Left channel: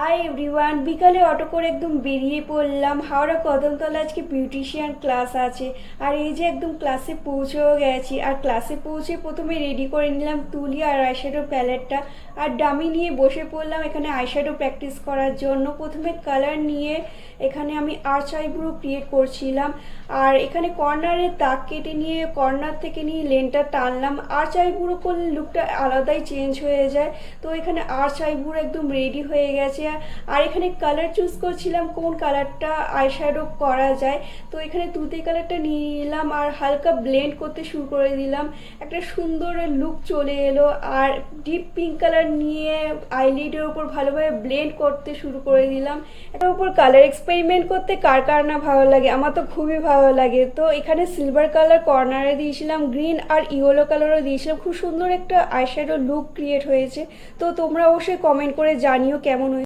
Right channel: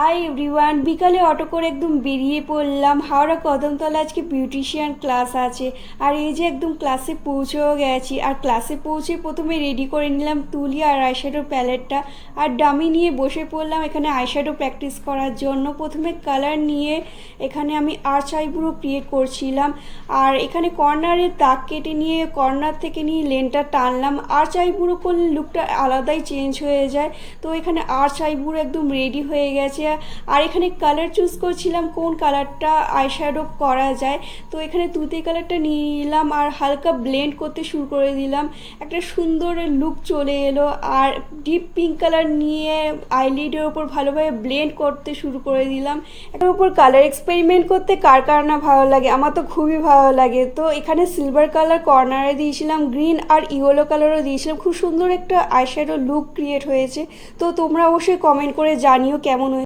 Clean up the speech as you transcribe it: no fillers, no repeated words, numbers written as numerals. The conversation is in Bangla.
হাই এভরিওয়ান, বিকালে অটো করে একদম বেরিয়ে পড়লাম। হাওড়া কদমতলা আজকে বিউটিশিয়ান ক্লাস আছে। আর এই যে একদম ক্লাসে পৌঁছেও গেছি। আর ক্লাসে পৌঁছে প্রথমে রেডি করে নিলাম তুলি আর আইশ্যাডো প্যালেটটা। আর ডামি নিয়ে বসে পড়লাম এখানে আইশ্যাডো প্র্যাকটিস করার জন্য। প্রথমে কালার নিয়ে এখানে আমি আর্চ আইব্রো ক্রিয়েট করছিলাম। আর এখানে কর্নারের দাগ কেটে নিয়ে কর্নার থেকে নিয়ে লেনটা টানলাম। আর্চ আইব্রো করলে লুকটা আলাদাই চেঞ্জ হয়ে যায়। তো এখানে আর্চ আইব্রো একদম রেডি হয়ে গেছে। আর এখানে কালার চুজ করছিলাম কোন কালারটা আইশ্যাডো করা যায়। তো এখানে তুতে কালারটা নিয়ে নিলাম আর হালকা ব্লেন্ড করতে শুরু করে দিলাম। একটা সুন্দর লুক চলে এলো। আর ডিপ পিঙ্ক কালার নিয়ে আইলিডের ওপর ভালোভাবে ব্লেন্ড করতে শুরু করে দিলাম। এটার উপর কালার এক্সপেরিমেন্ট করতে কার কার না ভালো লাগে, আমার তো খুবই ভালো লাগে। তো এখানে সিলভার কালার কর্নারে দিয়েছিলাম, গ্রিন আর ইয়েলো কালারও দিয়েছিলাম। খুব সুন্দর একটা আইশ্যাডো লুক ক্রিয়েট হয়েছে। তো তোমরা অবশ্যই কমেন্ট করে জানিও কেমন হয়েছে।